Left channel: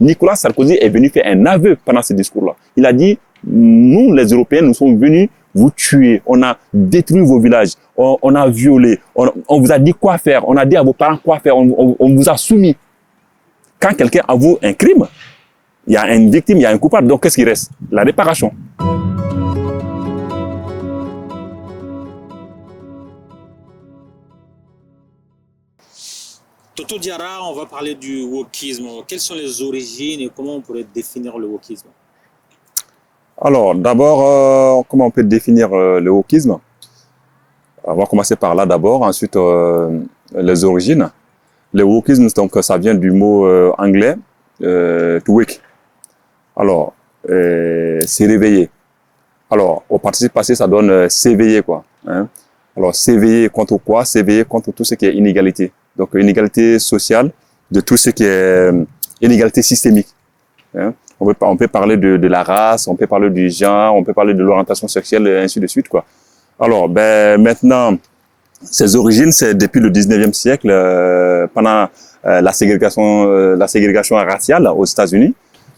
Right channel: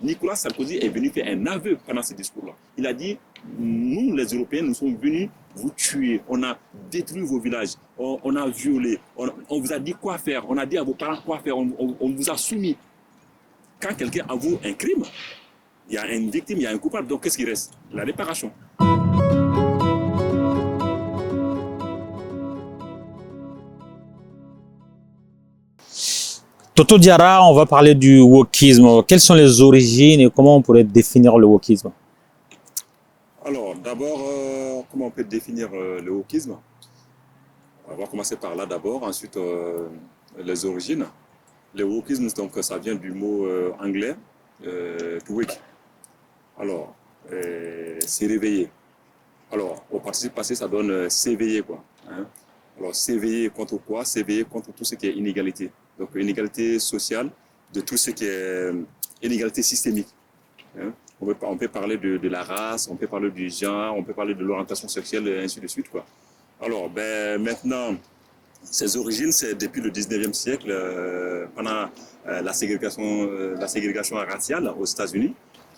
Nicolas Sarkozy est venu faire un aveu pendant ce discours-là. Il a dit, nous, les Européens, nous sommes venus vous tuer. On a détruit vos villages. On a violé. On vous a dit quoi faire. On a dit à vos parents quoi faire. On vous a soumis. Quand quelqu'un avoue un crime, il y a une victime, il y a un coupable. Donc, qu'est-ce qui reste? La réparation. Toto Diarra, on va parler du wokisme. Quelles sont les origines et comment on pourrait définir le wokisme? Alors, d'abord, comment on peut définir le wokisme? On va commencer par là d'abord, ensuite les origines. Le wokisme, donc, ça vient du mot anglais, to wake. Alors, c'est réveiller. Alors, au participe passé, ça donne s'éveiller, quoi. Hein? Alors, s'éveiller contre quoi? S'éveiller contre tout ce qui est inégalité. Donc, inégalité sociale, de tout ce qui est inégalité systémique. Hein? On peut parler de la race, on peut parler du genre, on peut parler de l'orientation sexuelle, et ainsi de suite, quoi. Alors, maintenant, ses origines, c'est depuis le 19e siècle, pendant la ségrégation raciale aux États-Unis.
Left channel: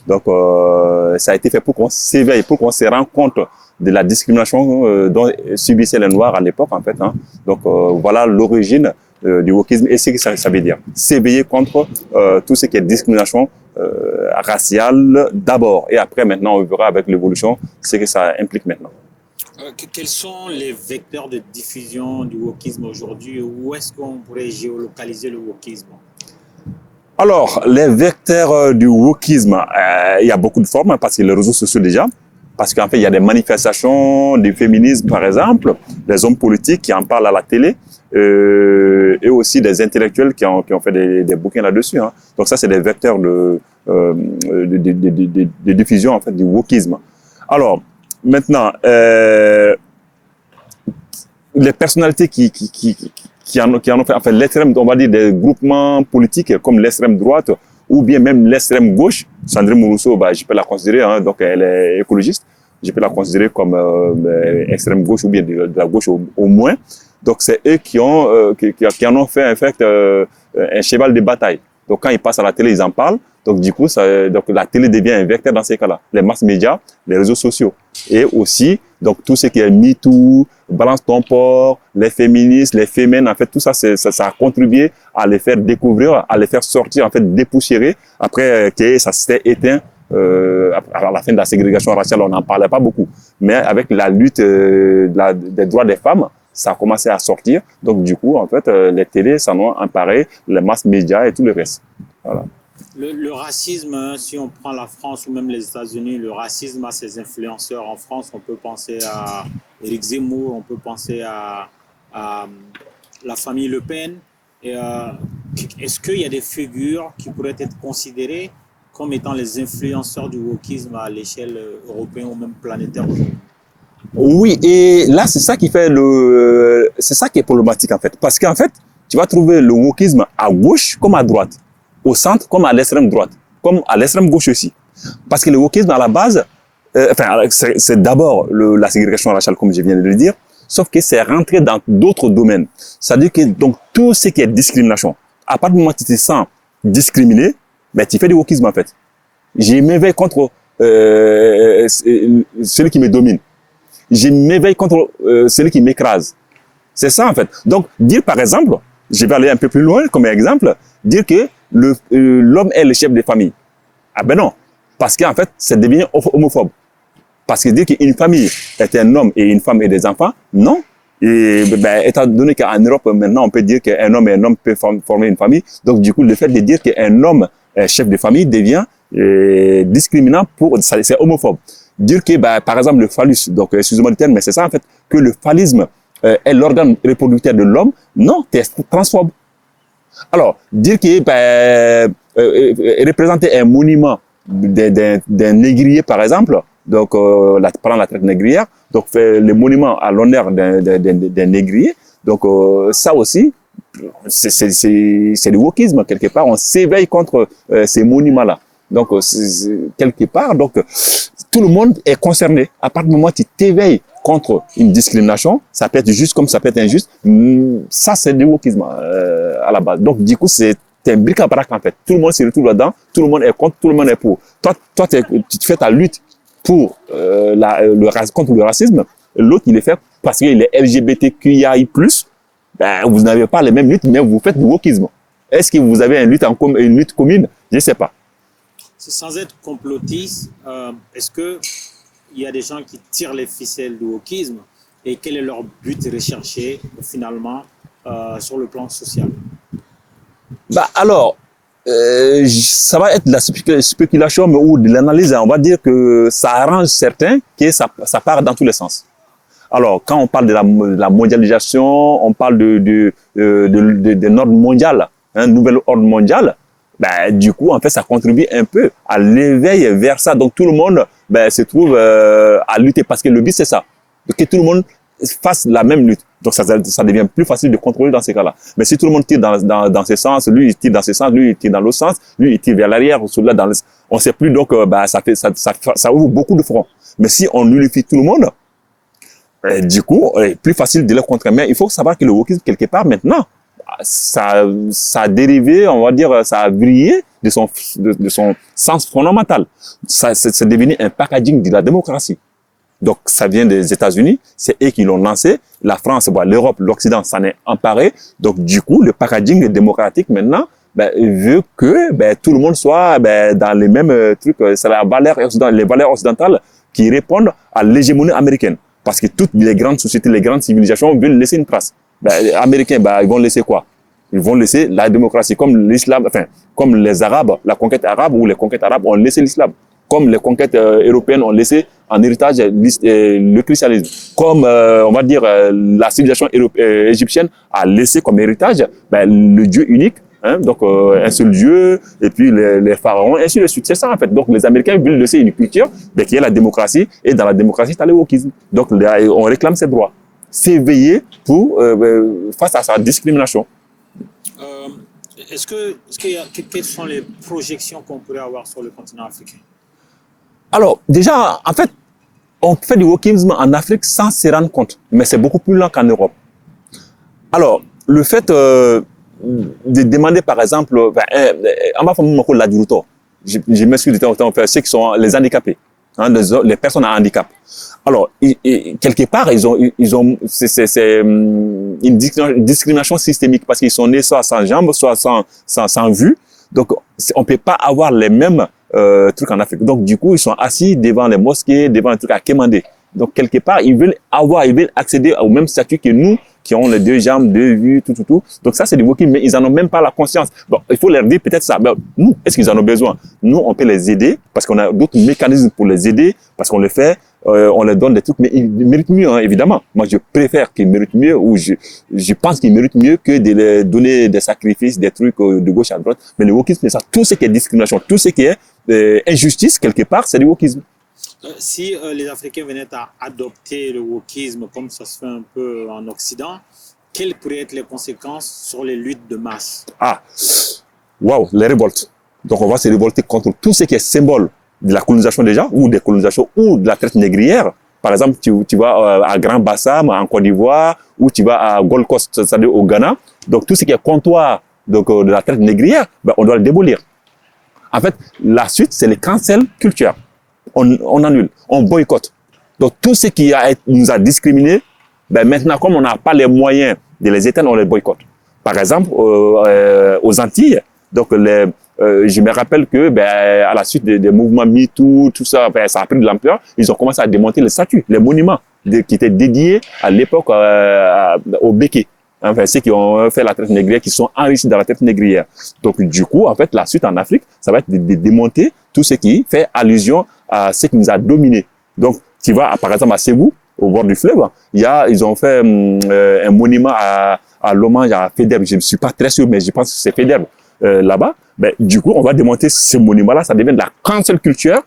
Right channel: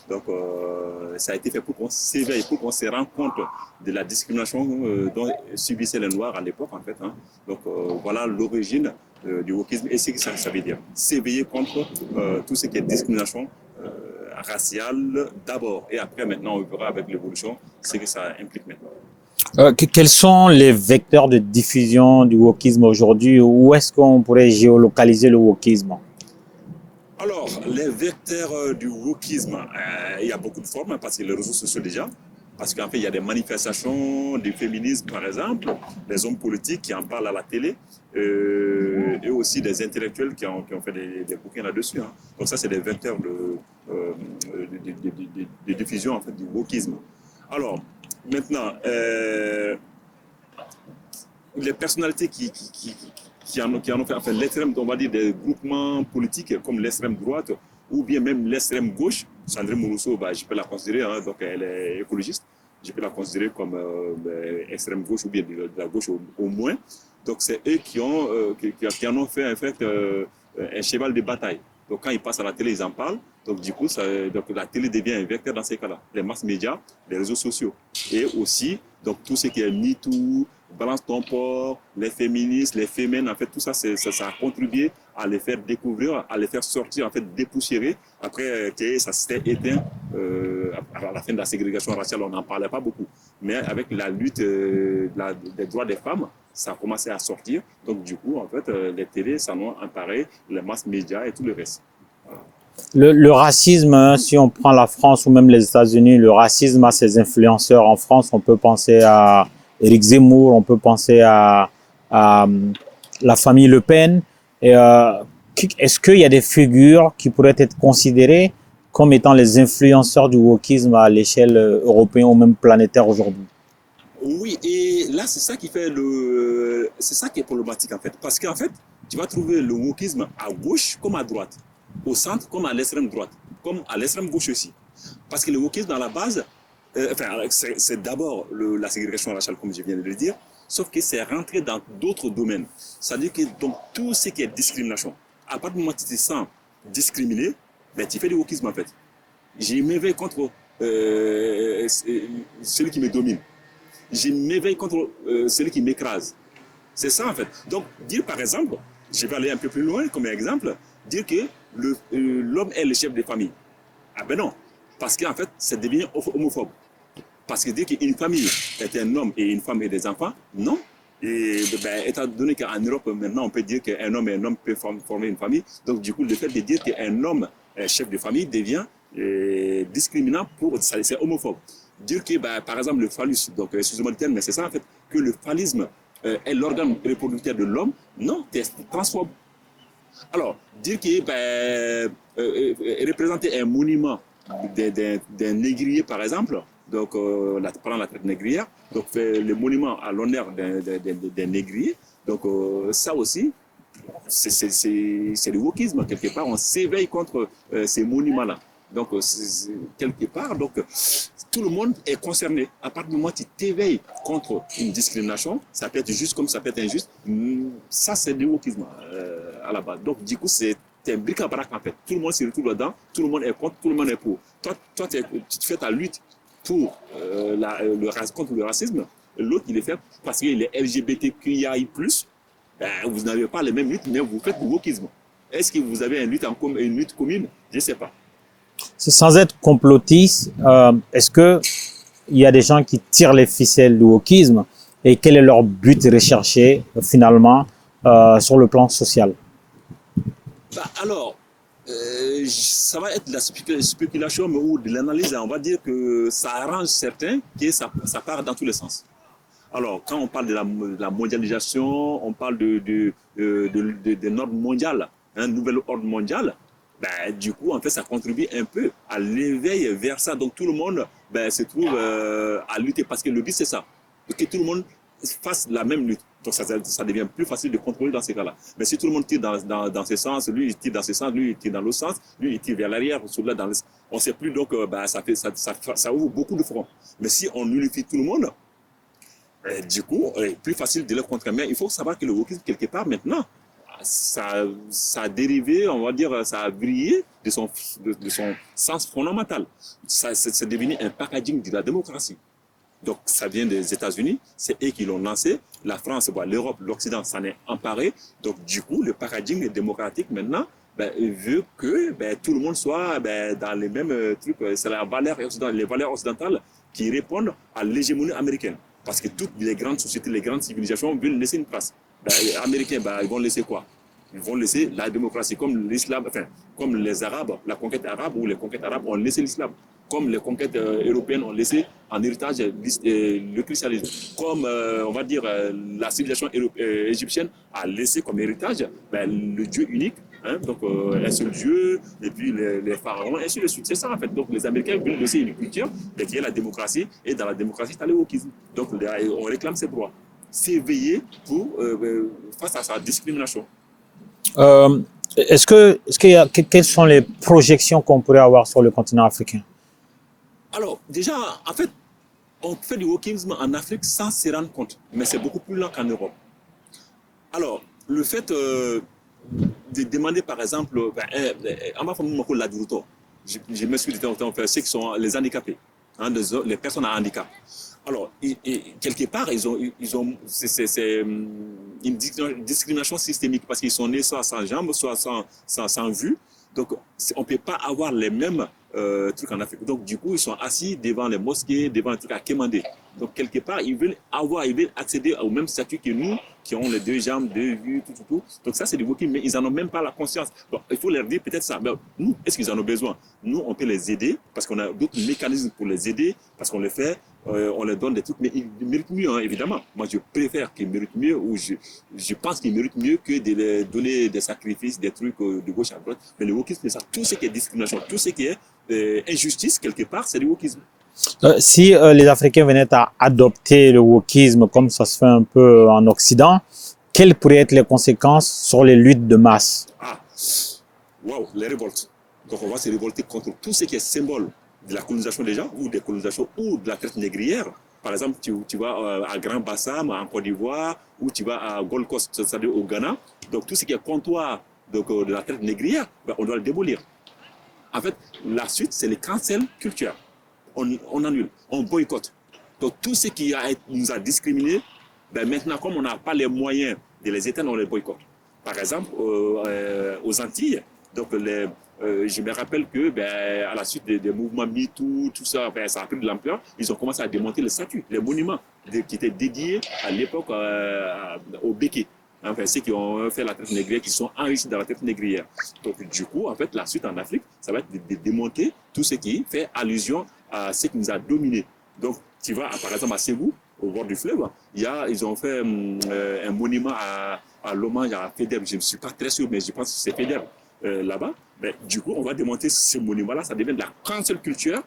Donc, ça a été fait pour qu'on s'éveille, pour qu'on se rende compte de la discrimination dont subissaient les Noirs à l'époque, en fait. Hein. Donc, voilà l'origine du wokisme et ce que ça veut dire. S'éveiller contre tout ce qui est discrimination raciale d'abord. Et après, maintenant, on verra avec l'évolution ce que ça implique maintenant. Quels sont les vecteurs de diffusion du wokisme aujourd'hui? Où est-ce qu'on pourrait géolocaliser le wokisme? Alors, les vecteurs du wokisme, il y a beaucoup de formes, parce que les réseaux sociaux déjà, parce qu'en fait, il y a des manifestations du féminisme, par exemple, des hommes politiques qui en parlent à la télé, et aussi des intellectuels qui ont fait des bouquins là-dessus. Hein. Donc ça, c'est des vecteurs de diffusion, en fait, du wokisme. Alors, maintenant, les personnalités qui en ont fait, enfin, l'extrême, on va dire, des groupements politiques comme l'extrême droite ou bien même l'extrême gauche. Sandrine Rousseau, je peux la considérer, hein, donc elle est écologiste, je peux la considérer comme extrême gauche ou bien de la gauche au moins. Donc c'est eux qui en ont fait en fait un cheval de bataille. Donc quand ils passent à la télé, ils en parlent. Donc du coup, donc la télé devient un vecteur dans ces cas-là. Les masses médias, les réseaux sociaux. Et aussi, donc tout ce qui est MeToo, Balance ton port, les féministes, les fémènes, en fait, tout ça, ça a contribué à les faire découvrir, à les faire sortir, en fait, dépoussiérer. Après que ça s'était éteint à la fin de la ségrégation raciale, on n'en parlait pas beaucoup. Mais avec la lutte des droits des femmes, ça a commencé à sortir. Donc du coup, en fait, les télés s'en ont emparé, les masses médias et tout le reste. Voilà. Le racisme, hein, si on prend la France ou même les États-Unis, le racisme a ses influenceurs. En France, on peut penser à Éric Zemmour, on peut penser à la famille Le Pen. Est-ce qu'il y a des figures qui pourraient être considérées comme étant les influenceurs du wokisme à l'échelle européenne ou même planétaire aujourd'hui? Oui, et là, c'est ça qui est problématique en fait. Parce qu'en fait, tu vas trouver le wokisme à gauche comme à droite, au centre comme à l'extrême droite, comme à l'extrême gauche aussi. Parce que le wokisme à la base, c'est d'abord la ségrégation raciale, comme je viens de le dire, sauf que c'est rentré dans d'autres domaines. C'est-à-dire que donc tout ce qui est discrimination, à partir du moment où tu te sens discriminé, tu fais du wokisme en fait. Je m'éveille contre celui qui me domine. Je m'éveille contre celui qui m'écrase. C'est ça en fait. Donc dire par exemple, je vais aller un peu plus loin comme exemple, dire que l'homme est le chef de famille. Ah ben non, parce qu'en fait, c'est devenu homophobe. Parce que dire qu'une famille est un homme et une femme et des enfants, non. Et étant donné qu'en Europe, maintenant, on peut dire qu'un homme et un homme peuvent former une famille. Donc, du coup, le fait de dire qu'un homme est chef de famille devient discriminant c'est homophobe. Dire que, par exemple, le phallus, donc, excusez-moi le terme, mais c'est ça, en fait, que le phallisme est l'organe reproducteur de l'homme, non, c'est transphobe. Alors, dire que représenter un monument d'un négrier, par exemple, donc pendant la traite négrière, donc faire le monument à l'honneur d'un négrier, donc ça aussi, c'est du wokisme quelque part. On s'éveille contre ces monuments-là. Donc quelque part, donc tout le monde est concerné. À partir du moment où tu t'éveilles contre une discrimination, ça peut être juste comme ça peut être injuste. Ça, c'est du wokisme à la base. Donc du coup, c'est C'est un bric-à-brac, en fait. Tout le monde se retrouve là-dedans, tout le monde est contre, tout le monde est pour. Toi tu fais ta lutte pour, contre le racisme, l'autre, il est fait parce qu'il est LGBTQIA+, ben, vous n'avez pas les mêmes luttes, mais vous faites du wokisme. Est-ce que vous avez une lutte commune? Je ne sais pas. Sans être complotiste, est-ce que il y a des gens qui tirent les ficelles du wokisme et quel est leur but recherché finalement sur le plan social? Bah alors, ça va être de la spéculation ou de l'analyse. On va dire que ça arrange certains, que ça part dans tous les sens. Alors, quand on parle de la mondialisation, on parle de ordre mondial, un nouvel ordre mondial, ben, du coup, en fait, ça contribue un peu à l'éveil vers ça. Donc, tout le monde se trouve à lutter parce que le but, c'est ça. Que tout le monde fasse la même lutte. Donc, ça devient plus facile de contrôler dans ces cas-là. Mais si tout le monde tire dans ce sens, lui, il tire dans ce sens, lui, il tire dans l'autre sens, lui, il tire vers l'arrière, celui-là, on ne sait plus. Donc, ça ouvre beaucoup de fronts. Mais si on unifie tout le monde, du coup, c'est plus facile de le contrer. Mais il faut savoir que le wokisme, quelque part, maintenant, ça a dérivé, on va dire, ça a brillé de son sens fondamental. C'est devenu un packaging de la démocratie. Donc, ça vient des États-Unis, c'est eux qui l'ont lancé. La France, l'Europe, l'Occident s'en est emparé. Donc, du coup, le packaging démocratique, maintenant, veut que tout le monde soit dans les mêmes trucs. C'est les valeurs occidentales qui répondent à l'hégémonie américaine. Parce que toutes les grandes sociétés, les grandes civilisations veulent laisser une trace. Les Américains, ils vont laisser quoi? Ils vont laisser la démocratie, comme l'islam, enfin, comme les Arabes, la conquête arabe ou les conquêtes arabes ont laissé l'islam. Comme les conquêtes européennes ont laissé en héritage le christianisme. Comme, on va dire, la civilisation égyptienne a laissé comme héritage le Dieu unique, hein, donc un seul Dieu, et puis les pharaons, et ainsi de suite. C'est ça, en fait. Donc, les Américains veulent laisser une culture qui est la démocratie, et dans la démocratie, tu as le wokisme. Donc, on réclame ses droits. S'éveiller face à sa discrimination. Quelles sont les projections qu'on pourrait avoir sur le continent africain? Alors, déjà, en fait, on fait du wokisme en Afrique sans se rendre compte, mais c'est beaucoup plus lent qu'en Europe. Alors, le fait de demander, par exemple, on va faire l'adulto. Je m'excuse de temps, ceux qui sont les handicapés, hein, les personnes à handicap. Alors, quelque part, c'est une discrimination systémique parce qu'ils sont nés soit sans jambes, soit sans vue. Donc, on peut pas avoir les mêmes trucs en Afrique. Donc, du coup, ils sont assis devant les mosquées, devant un truc à quémander. Donc, quelque part, ils veulent accéder au même statut que nous, qui ont les deux jambes, deux vues, tout. Donc, ça, c'est du wokisme, mais ils en ont même pas la conscience. Bon, il faut leur dire peut-être ça. Mais nous, est-ce qu'ils en ont besoin? Nous, on peut les aider parce qu'on a d'autres mécanismes pour les aider, parce qu'on le fait. On leur donne des trucs, mais ils méritent mieux, hein, évidemment. Moi, je préfère qu'ils méritent mieux, ou je pense qu'ils méritent mieux que de leur donner des sacrifices, des trucs de gauche à droite. Mais le wokisme, c'est ça. Tout ce qui est discrimination, tout ce qui est injustice, quelque part, c'est du wokisme. Si les Africains venaient à adopter le wokisme comme ça se fait un peu en Occident, quelles pourraient être les conséquences sur les luttes de masse? Waouh, les révoltes. Donc, on va se révolter contre tout ce qui est symbole de la colonisation déjà, ou des colonisations, ou de la traite négrière. Par exemple, tu vas à Grand Bassam, en Côte d'Ivoire, ou tu vas à Gold Coast, c'est-à-dire au Ghana. Donc, tout ce qui est comptoir de la traite négrière, on doit le démolir. En fait, la suite, c'est le cancel culture. On annule, on boycotte. Donc, tout ce qui nous a discriminés, maintenant, comme on n'a pas les moyens de les éteindre, on les boycotte. Par exemple, aux Antilles, donc je me rappelle que à la suite des mouvements MeToo, tout ça, ça a pris de l'ampleur. Ils ont commencé à démonter les statues, les monuments qui étaient dédiés à l'époque au Béké. Enfin, ceux qui ont fait la traite négrière, qui sont enrichis dans la traite négrière. Donc, du coup, en fait, la suite en Afrique, ça va être de démonter tout ce qui fait allusion à ce qui nous a dominés. Donc, tu vas, par exemple, à Ségou, au bord du fleuve, ils ont fait un monument à l'hommage à Faidherbe. Je ne suis pas très sûr, mais je pense que c'est Faidherbe là-bas. Du coup, on va démonter ce monument-là, ça devient de la cancel culture.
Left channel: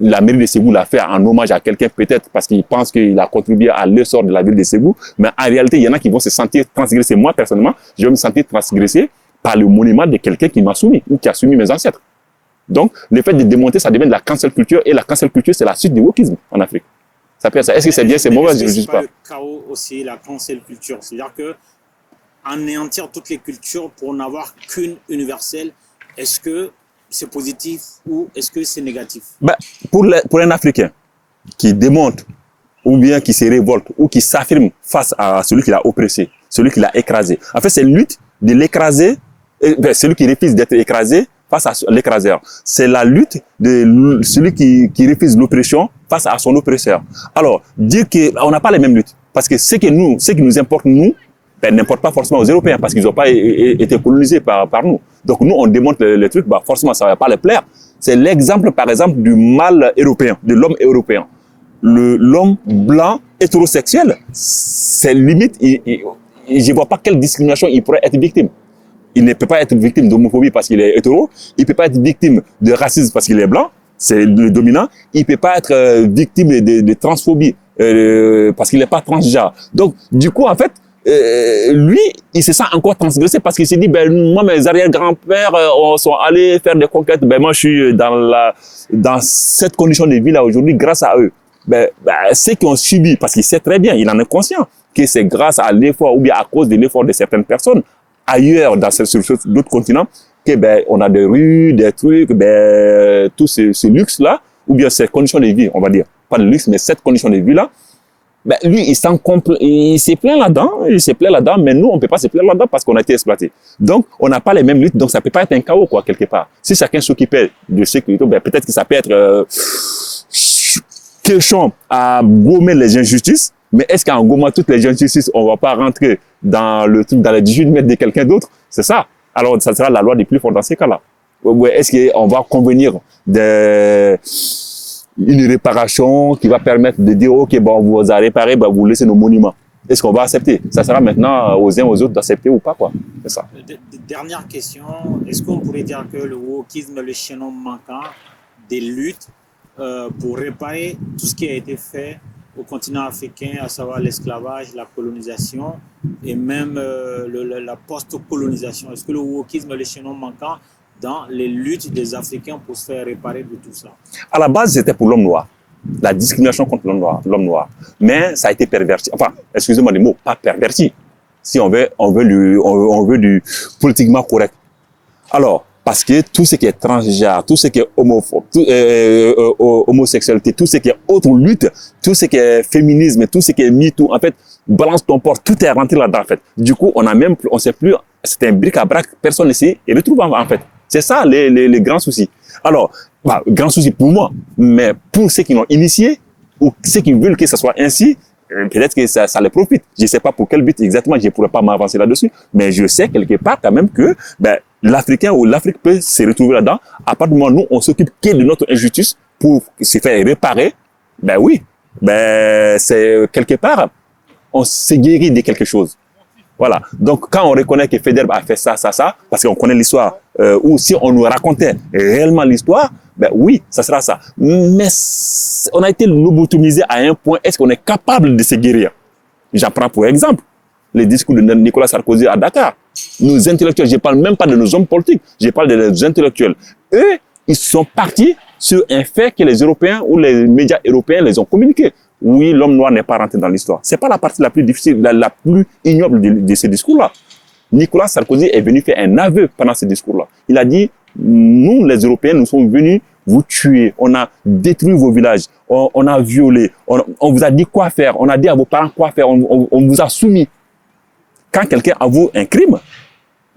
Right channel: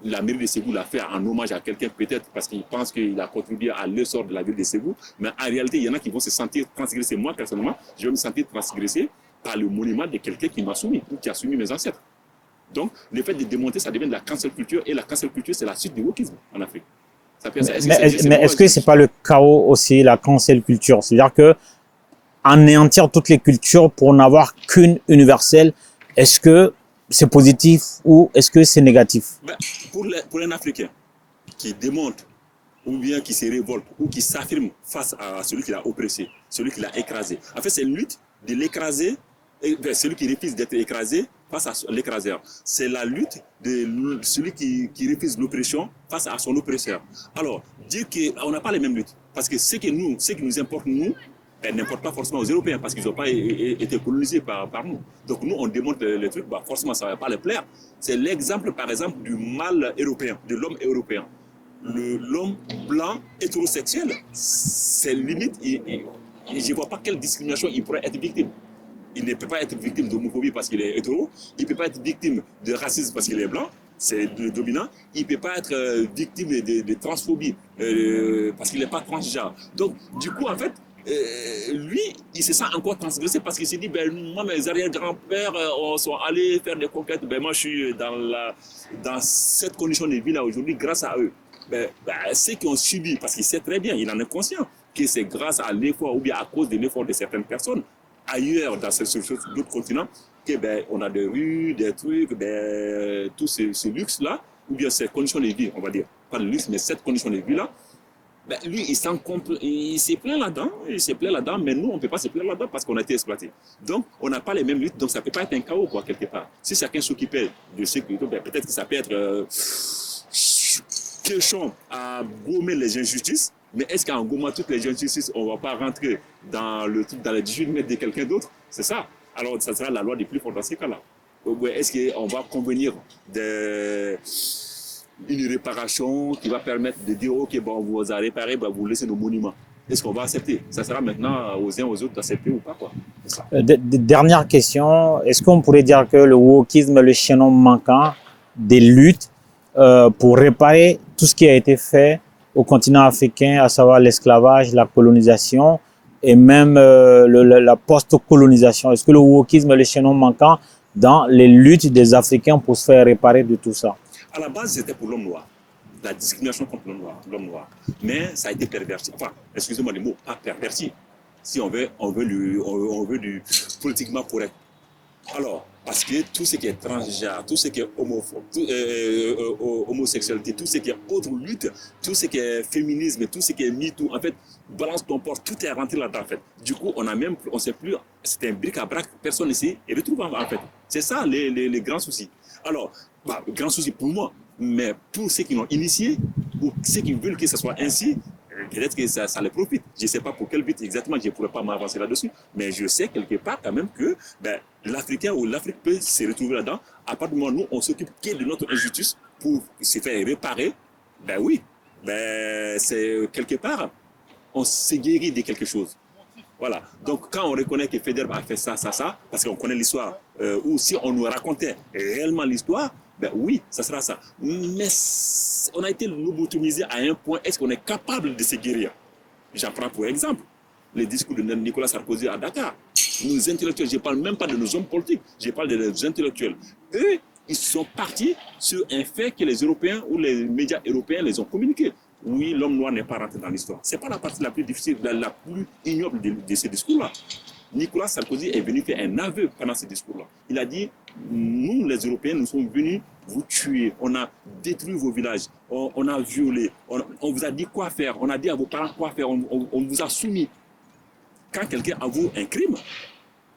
La mairie de Ségou l'a fait en hommage à quelqu'un, peut-être parce qu'il pense qu'il a contribué à l'essor de la ville de Ségou. Mais en réalité, il y en a qui vont se sentir transgressés. Moi, personnellement, je vais me sentir transgressé par le monument de quelqu'un qui m'a soumis ou qui a soumis mes ancêtres. Donc, le fait de démonter, ça devient de la cancel culture. Et la cancel culture, c'est la suite du wokisme en Afrique. Est-ce que c'est bien, c'est mauvais? Est-ce que c'est pas le chaos aussi, la cancel culture? C'est-à-dire que anéantir toutes les cultures pour n'avoir qu'une universelle, est-ce que c'est positif ou est-ce que c'est négatif? Pour un Africain qui démonte ou bien qui se révolte ou qui s'affirme face à celui qui l'a oppressé, celui qui l'a écrasé. En fait, c'est la lutte de l'écraser, celui qui refuse d'être écrasé face à l'écraseur. C'est la lutte de celui qui refuse l'oppression face à son oppresseur. Alors, dire qu'on n'a pas les mêmes luttes, parce que ce qui nous importe, nous, n'importe pas forcément aux Européens, parce qu'ils n'ont pas été colonisés par nous. Donc nous, on démontre les trucs, forcément, ça ne va pas les plaire. C'est l'exemple, par exemple, du mâle européen, de l'homme européen. L'homme blanc hétérosexuel, c'est limite, je ne vois pas quelle discrimination il pourrait être victime. Il ne peut pas être victime d'homophobie parce qu'il est hétéro, il ne peut pas être victime de racisme parce qu'il est blanc, c'est le dominant, il ne peut pas être victime de transphobie parce qu'il n'est pas transgenre. Donc, du coup, en fait, lui, il se sent encore transgressé parce qu'il s'est dit, moi, mes arrière-grands-pères sont allés faire des conquêtes, moi, je suis dans cette condition de vie là aujourd'hui grâce à eux. Ceux qui ont subi, parce qu'il sait très bien, il en est conscient, que c'est grâce à l'effort ou bien à cause de l'effort de certaines personnes ailleurs, sur d'autres continents, que on a des rues, des trucs, tout ce luxe-là, ou bien ces conditions de vie, on va dire. Pas de luxe, mais cette condition de vie-là, lui, il s'est plaint là-dedans, mais nous, on ne peut pas se plaindre là-dedans parce qu'on a été exploité. Donc, on n'a pas les mêmes luttes, donc ça ne peut pas être un chaos, quoi, quelque part. Si chacun s'occupait de sécurité, peut-être que ça peut être question à gommer les injustices, mais est-ce qu'en gommant toutes les injustices, on ne va pas rentrer dans les 18 mètres de quelqu'un d'autre? C'est ça. Alors, ça sera la loi des plus forts dans ces cas-là. Est-ce qu'on va convenir une réparation qui va permettre de dire, OK, on vous a réparé, vous laissez nos monuments. Est-ce qu'on va accepter? Ça sera maintenant aux uns aux autres d'accepter ou pas, quoi. C'est ça. Dernière question. Est-ce qu'on pourrait dire que le wokisme est le chaînon manquant des luttes pour réparer tout ce qui a été fait au continent africain, à savoir l'esclavage, la colonisation et même la post-colonisation? Est-ce que le wokisme est le chaînon manquant dans les luttes des Africains pour se faire réparer de tout ça? À la base, c'était pour l'homme noir. La discrimination contre l'homme noir. Mais ça a été perverti. Enfin, excusez-moi les mots, pas perverti. Si on veut du politiquement correct. Alors, parce que tout ce qui est transgenre, tout ce qui est homophobe, homosexualité, tout ce qui est autre lutte, tout ce qui est féminisme, tout ce qui est MeToo, en fait, balance ton port, tout est rentré là-dedans, en fait. Du coup, on sait plus, c'est un bric-à-brac, personne ne s'y retrouve, en fait. C'est ça, les grands soucis. Alors, grand souci pour moi, mais pour ceux qui l'ont initié, ou ceux qui veulent que ça soit ainsi, peut-être que ça les profite. Je ne sais pas pour quel but exactement, je ne pourrais pas m'avancer là-dessus, mais je sais quelque part quand même que l'Africain ou l'Afrique peut se retrouver là-dedans. À partir du moment où nous, on s'occupe que de notre injustice pour se faire réparer, c'est quelque part, on s'est guéri de quelque chose. Voilà. Donc, quand on reconnaît que Faidherbe a fait ça, parce qu'on connaît l'histoire, ou si on nous racontait réellement l'histoire, oui, ça sera ça. Mais on a été lobotomisé à un point, est-ce qu'on est capable de se guérir? J'en prends pour exemple les discours de Nicolas Sarkozy à Dakar. Nos intellectuels, je ne parle même pas de nos hommes politiques, je parle de nos intellectuels. Eux, ils sont partis sur un fait que les Européens ou les médias européens les ont communiqués. Oui, l'homme noir n'est pas rentré dans l'histoire. Ce n'est pas la partie la plus difficile, la plus ignoble de ce discours-là. Nicolas Sarkozy est venu faire un aveu pendant ce discours-là. Il a dit, nous, les Européens, nous sommes venus vous tuer. On a détruit vos villages. On a violé. On vous a dit quoi faire. On a dit à vos parents quoi faire. On vous a soumis. Quand quelqu'un avoue un crime,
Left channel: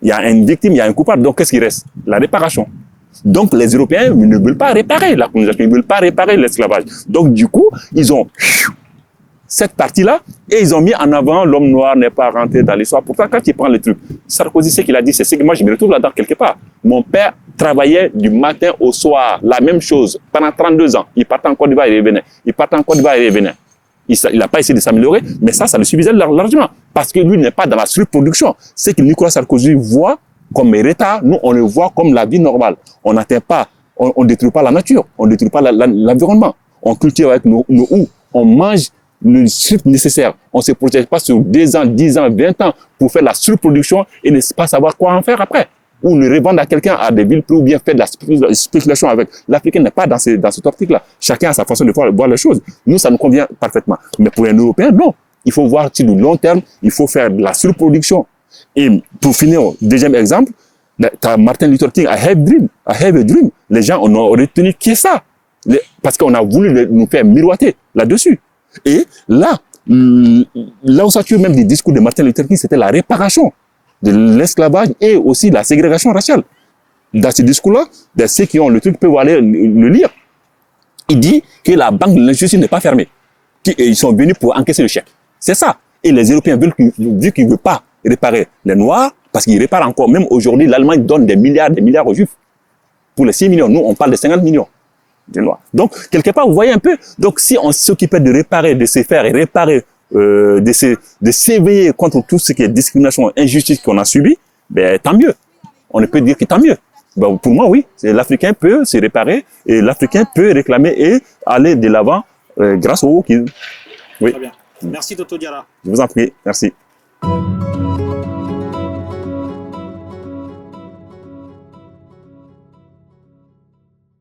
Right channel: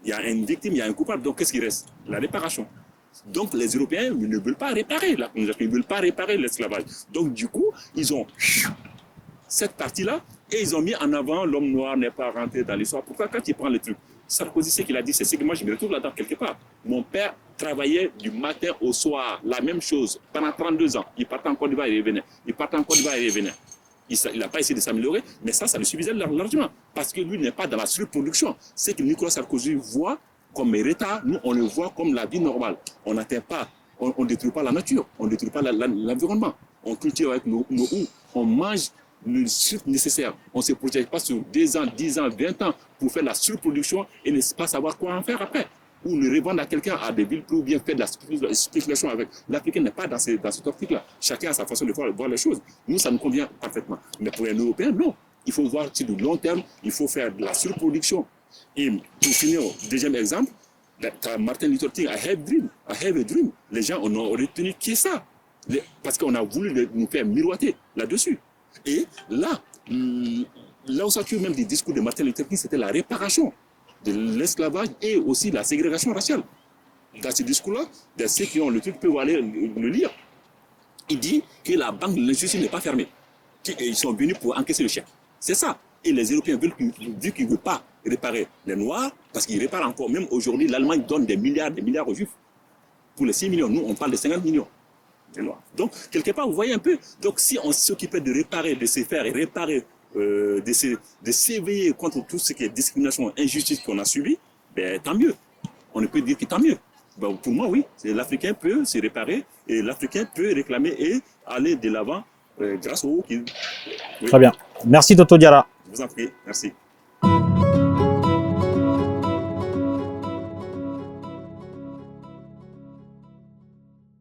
il y a une victime, il y a un coupable. Donc, qu'est-ce qui reste? La réparation. Donc, les Européens ne veulent pas réparer la colonisation, ils ne veulent pas réparer l'esclavage. Donc, du coup, ils ont cette partie-là et ils ont mis en avant l'homme noir n'est pas rentré dans l'histoire. Pourtant, quand tu prends les trucs, Sarkozy, ce qu'il a dit, c'est que moi, je me retrouve là-dedans quelque part. Mon père travaillait du matin au soir, la même chose, pendant 32 ans. Il partait en Côte d'Ivoire et revenait. Il partait en Côte d'Ivoire et revenait. Il n'a pas essayé de s'améliorer, mais ça le suffisait largement. Parce que lui n'est pas dans la surproduction. Ce que Nicolas Sarkozy voit comme retard, nous, on le voit comme la vie normale. On n'atteint pas, on ne détruit pas la nature, on ne détruit pas l'environnement. On cultive avec nos houes, on mange le strict nécessaire. On ne se projette pas sur 2 ans, 10 ans, 20 ans pour faire la surproduction et ne pas savoir quoi en faire après. Ou le revendre à quelqu'un à des villes ou bien faire de la spéculation avec. L'Africain n'est pas dans cette optique-là. Chacun a sa façon de voir les choses. Nous, ça nous convient parfaitement. Mais pour un Européen, non. Il faut voir sur le long terme, il faut faire de la surproduction. Et pour finir, deuxième exemple, tu as Martin Luther King, I have a dream. Les gens on a retenu qui est ça. Parce qu'on a voulu nous faire miroiter là-dessus. Et là où ça tue même des discours de Martin Luther King, c'était la réparation de l'esclavage et aussi la ségrégation raciale. Dans ce discours-là, ceux qui ont le truc peuvent aller le lire. Il dit que la banque de l'injustice n'est pas fermée. Ils sont venus pour encaisser le chèque. C'est ça. Et les Européens, vu qu'ils ne veulent pas réparer les Noirs, parce qu'ils réparent encore, même aujourd'hui, l'Allemagne donne des milliards aux Juifs. Pour les 6 millions, nous, on parle de 50 millions de Noirs. Donc, quelque part, vous voyez un peu, donc si on s'occupait de réparer, de se faire réparer, de s'éveiller contre tout ce qui est discrimination, injustice qu'on a subi, ben, tant mieux. On ne peut dire que tant mieux. Ben, pour moi, oui, l'Africain peut se réparer et l'Africain peut réclamer et aller de l'avant grâce au wokisme. Oui. Très bien. Merci, Toto Diarra. Je vous en prie. Merci.